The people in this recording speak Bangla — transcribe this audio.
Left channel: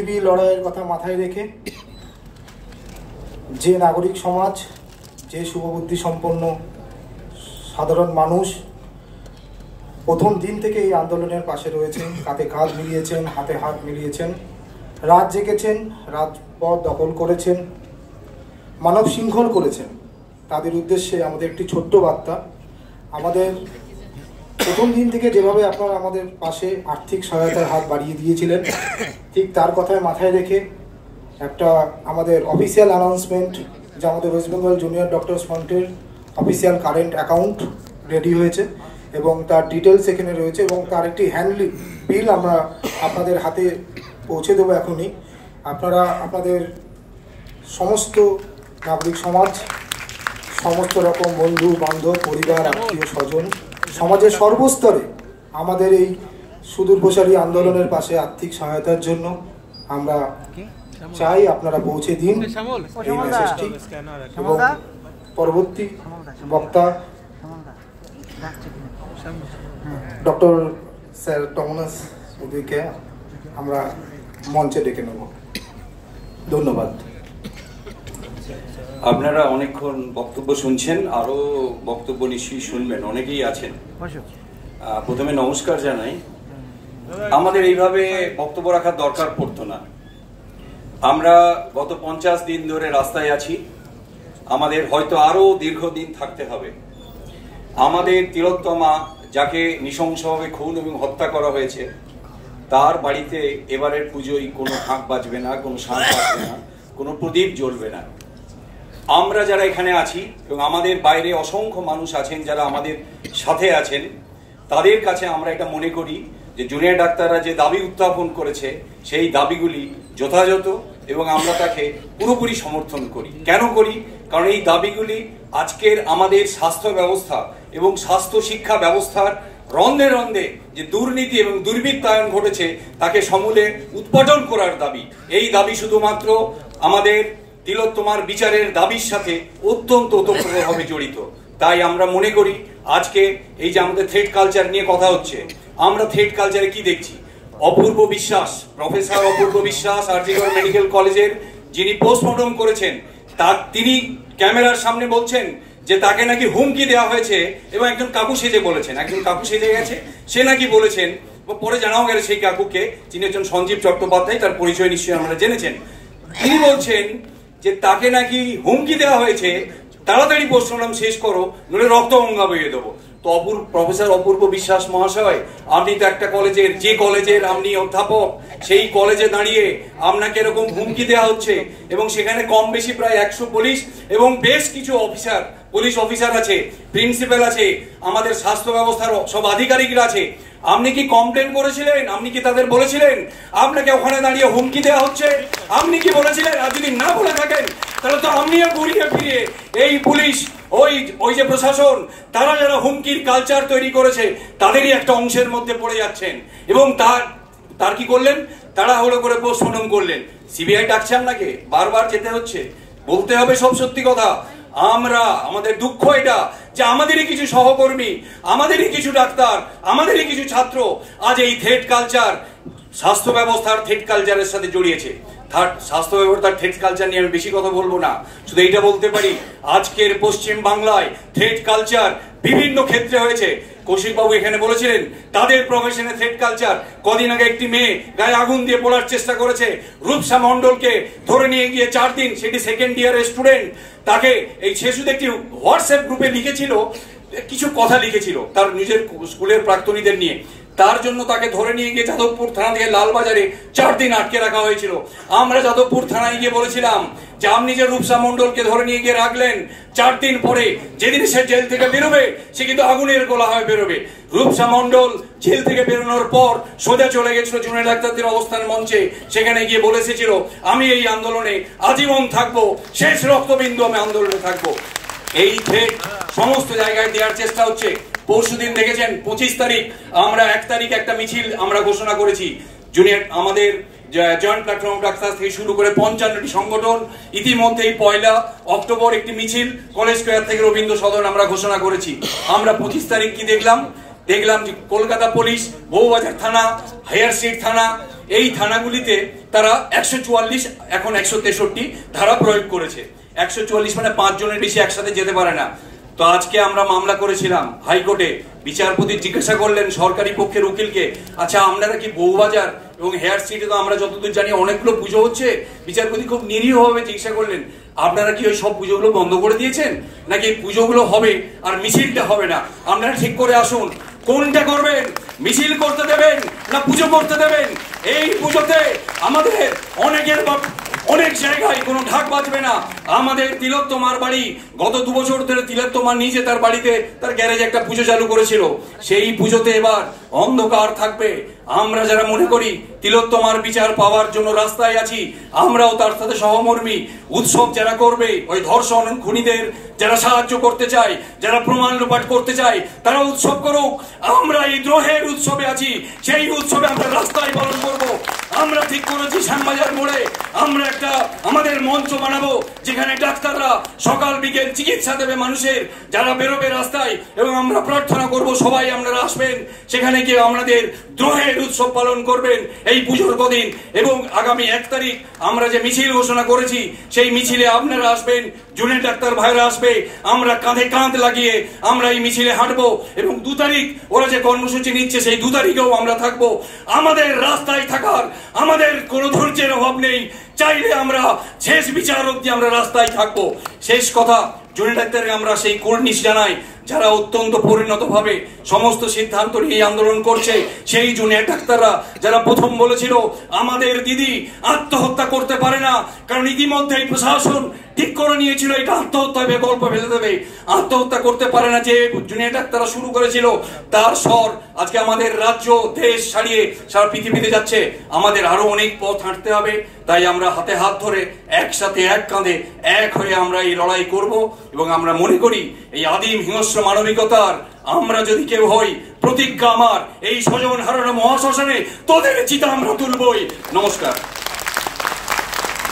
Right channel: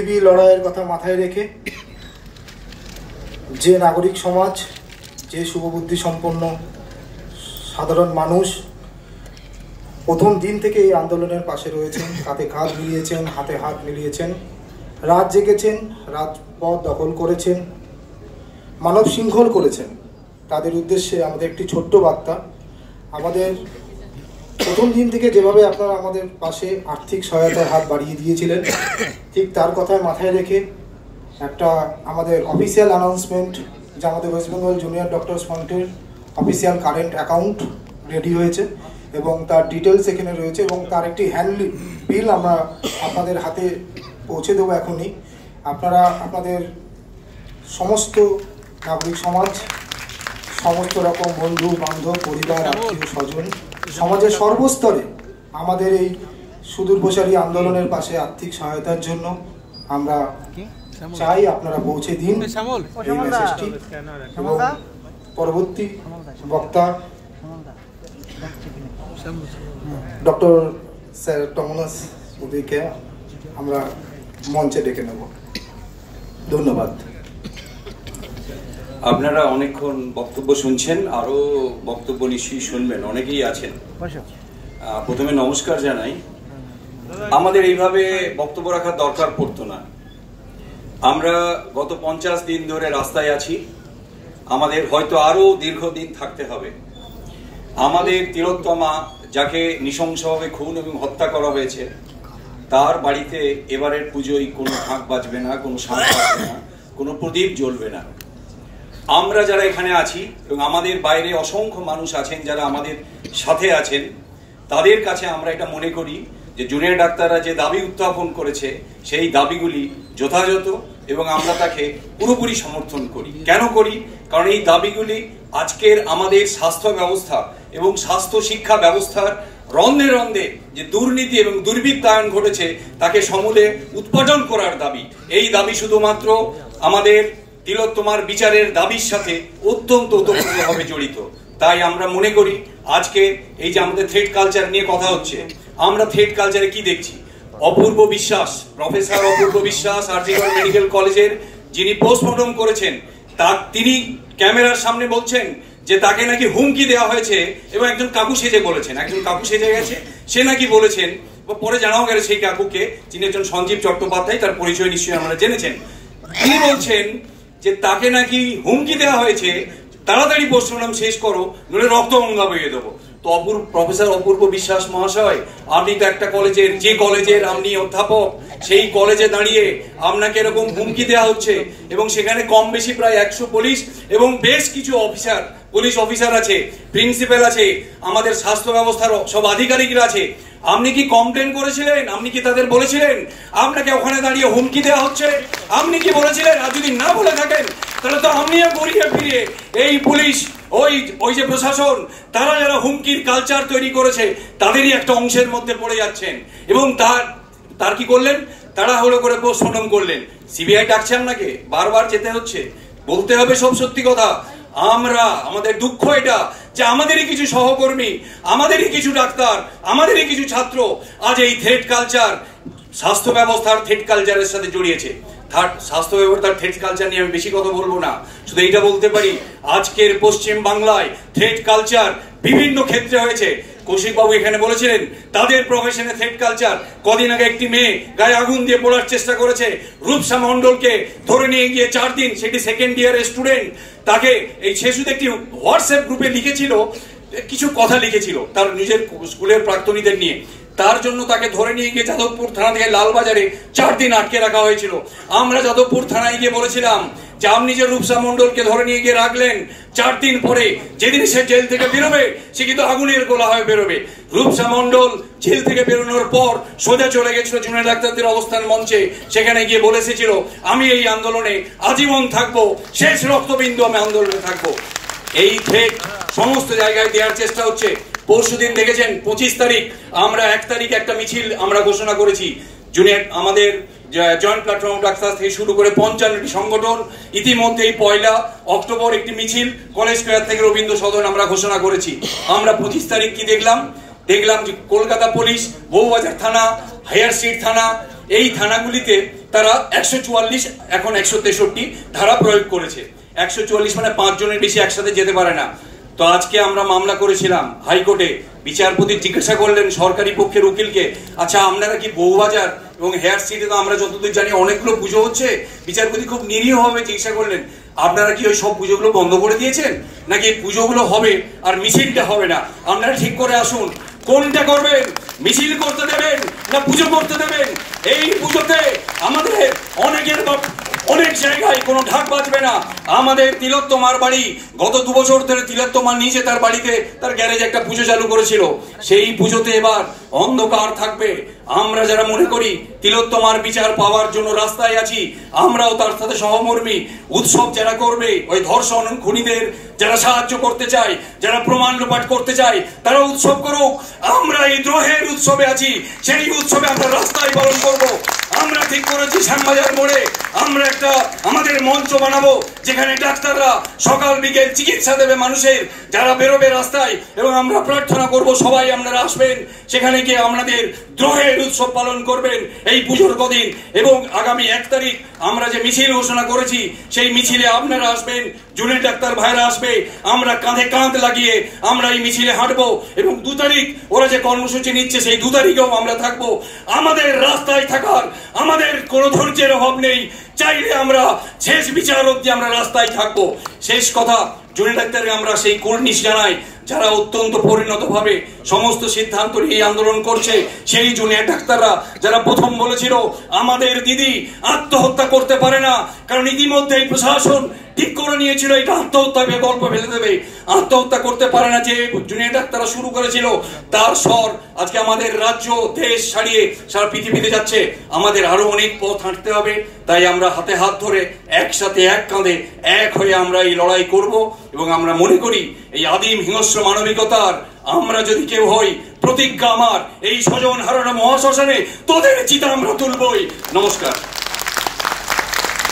লড়াইয়ের কথা মাথায় রেখে যে নাগরিক সমাজ, যে শুভবুদ্ধি সম্পন্ন সাধারণ মানুষ প্রথম দিন থেকে এই আন্দোলনের পাশে রয়েছেন, কাঁধে কাঁধ মিলিয়েছেন, হাতে হাত মিলিয়েছেন, রাত জেগেছেন, রাজপথ দখল করেছেন, মানব শৃঙ্খল করেছেন, তাদের উদ্দেশ্যে আমাদের একটি ছোট্ট বার্তা। আমাদের প্রথম দিন থেকে যেভাবে আপনারা আমাদের পাশে আর্থিক সহায়তার হাত বাড়িয়ে দিয়েছিলেন, ঠিক তার কথায় মাথায় রেখে একটা আমাদের অফিসিয়াল অ্যানাউন্সমেন্ট, যা আমাদের ওয়েস্ট বেঙ্গল জুনিয়র ডক্টরস ফ্রন্টের অফিসিয়াল কারেন্ট অ্যাকাউন্ট রেডি হয়েছে এবং তার ডিটেলস এখানে রয়েছে এবং তার একটি হ্যান্ড বিল আমরা আপনাদের হাতে পৌঁছে দেবো এখনই। আপনারা আপনাদের সমস্ত নাগরিক সমাজ, সমস্ত রকম বন্ধু বান্ধব, পরিবার, আত্মীয় স্বজন, সমাজের সর্বস্তরে আমাদের এই সুদূর প্রসারী আন্দোলনের পাশে আর্থিক সহায়তার জন্য আমরা চাই আপনারা পৌঁছে দিন এই মেসেজটি। এবং পরবর্তী বক্তা ডক্টর স্যার টমনাস ওদেরকে আমরা মঞ্চে ডেকে নেব। ধন্যবাদ। আপনারা অনেকক্ষণ বক্তব্য শুনছেন, আরো বক্তব্য নিশ্চয়ই শুনবেন, অনেকেই আছেন। প্রথমে নমস্কার জানাই। আমাদের এইভাবে বক্তব্য রাখার দরকার পড়তো না। আমরা গত 50 দিন ধরে রাস্তায় আছি, আমাদের হয়তো আরো দীর্ঘদিন থাকতে হবে। আমাদের তিলোত্তমা, যাকে নৃশংসভাবে খুন এবং হত্যা করা হয়েছে, তার বাড়িতে এবারের পুজোয় কোনো ঢাক বাজবে না, কোনো শাঁখ বাজবে না, কোনো প্রদীপ জ্বলবে না। আমরা যারা এখানে আছি এবং আমাদের বাইরে অসংখ্য মানুষ আছেন যারা আমাদের সাথে আছেন, তাদের কাছে আমরা এটা মনে করি যে জুনিয়র ডাক্তাররা যে দাবি উত্থাপন করেছে সেই দাবিগুলি যথাযথ এবং আমরা তাকে পুরোপুরি সমর্থন করি। কেন করি? কারণ এই দাবিগুলি আজকের আমাদের স্বাস্থ্য ব্যবস্থা এবং স্বাস্থ্য শিক্ষা ব্যবস্থার রন্ধে রন্ধে যে দুর্নীতি এবং দুর্বৃত্তায়ন ঘটেছে তাকে সমূলে উৎপাদন করার দাবি। এই দাবি শুধুমাত্র আমাদের তিলোত্তমার বিচারের দাবির সাথে অত্যন্ত ওতপ্রোতভাবে জড়িত। তাই আমরা মনে করি আজকে এই যে আমাদের থ্রেড কালচার নিয়ে কথা হচ্ছে, আমরা থ্রেড কালচারে কি দেখছি? অপূর্ব বিশ্বাস, প্রফেসর অপূর্ব বিশ্বাস আরজিকর মেডিকেল কলেজের যিনি পোস্টমর্টম করেছেন, তিনি ক্যামেরার সামনে বলছেন যে তাকে নাকি হুমকি দেওয়া হয়েছে এবং একজন কাকু সেজে বলেছেন, একজন কাকু সেজে গেছে, সে নাকি বলেছেন, পরে জানাও গেল সেই কাকুকে, যিনি একজন সঞ্জীব চট্টোপাধ্যায়, তার পরিচয় নিশ্চয়ই আমরা জেনেছেন। তিনি বলছেন যে তাকে নাকি হুমকি দেওয়া হয়েছে, তাড়াতাড়ি পোস্টমর্টম শেষ করো, নইলে রক্তগঙ্গা বইয়ে দেবো। তো প্রফেসর অপূর্ব বিশ্বাস মহাশয়, আপনি তো একটা কলেজের, যে কলেজের আপনি অধ্যাপক, সেই কলেজে দাঁড়িয়ে আপনাকে এরকম হুমকি দেওয়া হচ্ছে এবং সেখানে কম বেশি প্রায় 100 পুলিশ এবং বেশ কিছু অফিসার, পুলিশ অফিসার আছে, প্রিন্সিপাল আছে, আমাদের স্বাস্থ্য ব্যবস্থার সব আধিকারিকরা আছে। আপনি কি কমপ্লেন করেছিলেন? আপনি কি তাদের বলেছিলেন আপনাকে ওখানে দাঁড়িয়ে হুমকি দেওয়া হচ্ছে? আপনি কি বলেছিলেন? আর যদি না বলে থাকেন তাহলে তো আপনিও ঘুরিয়ে ফিরিয়ে এই পুলিশ, ওই যে প্রশাসন, তারা যারা হুমকির কালচার তৈরি করেছে তাদেরই একটা অংশের মধ্যে পড়ে যাচ্ছেন। এবং তার কি করলেন? তারা হলো করে পোস্টমর্টম করলেন। সিবিআই ডাকছে আপনাকে, বারবার যেতে হচ্ছে, বলতে হবে সব সত্যি কথা। আমাদের দুঃখ এটা যে আমাদেরই কিছু সহকর্মী, আমাদেরই কিছু ডাক্তার, আমাদেরই কিছু ছাত্র আজ এই থ্রেড কালচার, স্বাস্থ্য ব্যবস্থার থ্রেড কালচারের সাথে জড়িয়েছে। স্বাস্থ্য ব্যবস্থার থ্রেড কালচার নিয়ে আমি বেশি কথা বলবো না, শুধু এইটা বলতে পারি আজকের পশ্চিম বাংলায় থ্রেড কালচার বিভিন্ন ক্ষেত্রে হয়েছে। কৌশিকবাবু এখানে বলেছিলেন তাদের প্রফেশনে থ্রেড কালচার। কদিন আগে একটি মেয়ে গায়ে আগুন দিয়ে পোড়ার চেষ্টা করেছে, রূপসা মন্ডলকে ধরে নিয়ে গিয়ে 4 দিন, সেটি সেকেন্ড ইয়ারের স্টুডেন্ট, তাকে সে শুধু একটি হোয়াটসঅ্যাপ গ্রুপে লিখেছিল, কিছু কথা লিখেছিল তার নিজের স্কুলের প্রাক্তনীদের নিয়ে, তার জন্য তাকে ধরে নিয়ে গিয়ে যাদবপুর থানা থেকে লালবাজারে 4 দিন আটকে রাখা হয়েছিল। আমরা যাদবপুর থানায় গিয়ে বলেছিলাম যে আপনি যে রূপসা মন্ডলকে ধরে নিয়ে গিয়ে রাখলেন, 4 দিন পরে যেদিন সে জেল থেকে বেরোবে সে কিন্তু আগুনের গোলা হয়ে বেরোবে। রূপসা মন্ডল জেল থেকে বেরোনোর পর সোজা চলে গেছিল জুনিয়র ডাক্তারদের অবস্থান মঞ্চে, সেখানে গিয়ে বলে এসেছিল আমি এই আন্দোলনে আজীবন থাকবো, শেষ রক্তবিন্দু আমি আন্দোলনে থাকবো। এই থ্রেট সমস্ত জায়গায় দেওয়ার চেষ্টা হচ্ছে। পরশুদিন দেখেছেন 25 তারিখ, আমরা 1 তারিখ একটা মিছিল আমরা ঘোষণা করেছি। জুনিয়র আমাদের জয়েন্ট প্ল্যাটফর্ম ডাক্তার থেকে শুরু করে 55টি সংগঠন, ইতিমধ্যেই 1 অক্টোবর একটি মিছিল কলেজ স্কয়ার থেকে রবীন্দ্র সদন আমরা ঘোষণা করেছি। আমরা 25 তারিখ কি দেখলাম যে কলকাতা পুলিশ, বউবাজার থানা, হায়ার স্ট্রিট থানা এই থানাগুলিতে তারা 144 এখন 163 ধারা প্রয়োগ করেছে। 144 মানে 5 জনের বেশি একসাথে যেতে পারে না। তো আজকে আমরা মামলা করেছিলাম হাইকোর্টে, বিচারপতি জিজ্ঞাসা করলেন সরকারি পক্ষের উকিলকে, আচ্ছা আপনারা কি বউবাজার এবং হেয়ার স্ট্রিটে তো আমরা যতদূর জানি অনেকগুলো পুজো হচ্ছে, বিচারপতি খুব নিরীহভাবে জিজ্ঞাসা করলেন আপনারা কি ওই সব পুজোগুলো বন্ধ করে দিয়েছেন, নাকি পুজোগুলো হবে আর মিছিলটা হবে না, আপনারা ঠিক করে আসুন কোনটা করবেন, মিছিল করতে দেবেন না পুজো করতে দেবেন। এই পুজোতে আমাদের অনেক জায়গায় কোনো ঢাক বাজবে না। আমাদের তিলোত্তমার বাড়ি গত 2 বছর ধরে তিলোত্তমা নিজে তার বাড়িতে তার গ্যারেজে একটা পুজো চালু করেছিল, সেই পুজোতে এবার অন্ধকার থাকবে। আমরা যারা মনে করি তিলোত্তমার বিচার পাওয়ার জন্য রাস্তায় আছি, আমরাও তার সাথে সহমর্মী। উৎসব যারা করবে, ওই ধর্ষণ খুনিদের যারা সাহায্য করতে চায়, যারা প্রমাণ লোপাট করতে চায়, তারা উৎসব করুক। আমরা এই দ্রোহের উৎসবে আছি, সেই উৎসবে আমরা রাস্তায় পালন করব। আমরা ঠিক করেছি শ্যামবাজার মোড়ে আমরা একটা আমাদের মঞ্চ বানাবো, যেখানে ডাক্তাররা সকাল বিকেল চিকিৎসা দেবে মানুষের যারা বেরোবে রাস্তায়, এবং আমরা প্রার্থনা করব সবাই আপনারা আসবেন, সেখানে গিয়ে আমাদের দ্রোহের উৎসব পালন করবেন এই পুজোর কদিন। এবং আগামী 1 তারিখ আমরা যে মিছিল ঘোষণা করেছি, সেই মিছিলে আপনারা আসবেন, জুনিয়র ডাক্তার ভাইরা আসবে, আমরা কাঁধে কাঁধ লাগিয়ে আমরা এই মিছিলে হাঁটবো। এবং 2 তারিখ ওরা যে কর্মসূচি নিচ্ছে, সেই 2 তারিখেও আমরা থাকবো। আমাদের রাস্তায় থাকার আমাদের কোনো ধৈর্যের অভাব নেই, চাইলে আমরা শেষ বিচার অবধি আমরা রাস্তায় থাকবো। শেষ কথা, জুনিয়র ডাক্তারকে আমরা সেই কর্নিশ জানাই যারা অত্যন্ত পরিণতভাবে সমস্ত সিদ্ধান্ত নিয়ে আন্দোলন করছে, সেই জুনিয়র ডাক্তাররা যারা প্রথম বলেছিল আমাদের দিদি আত্মহত্যা করতে পারে না, কারণ ইতিমধ্যেই প্রশাসন ঠিক করে নিয়েছিল এটা আত্মহত্যায় গল্প ফেলে দেবে, আত্মহত্যা করতে পারে না, যে জুনিয়র ডাক্তাররা শুরু করেছিল তার স্বর আজকে আমাদের রাজ্য দেশ ছাড়িয়ে সারা পৃথিবীতে যাচ্ছে। আমাদের আরো অনেক পথ হাঁটতে হবে, তাই আমরা হাতে হাত ধরে একসাথে এক কাঁধে এক হয়ে আমরা এই লড়াই করব। এবং আমরা মনে করি এই আদিম হিংস্র মানবিকতার আমরা যদি কেউ হই, প্রতিজ্ঞা আমার এই স্বজন হারানো মহাশ্মশানে তোদের চিতা আমরা তুলবই। নমস্কার।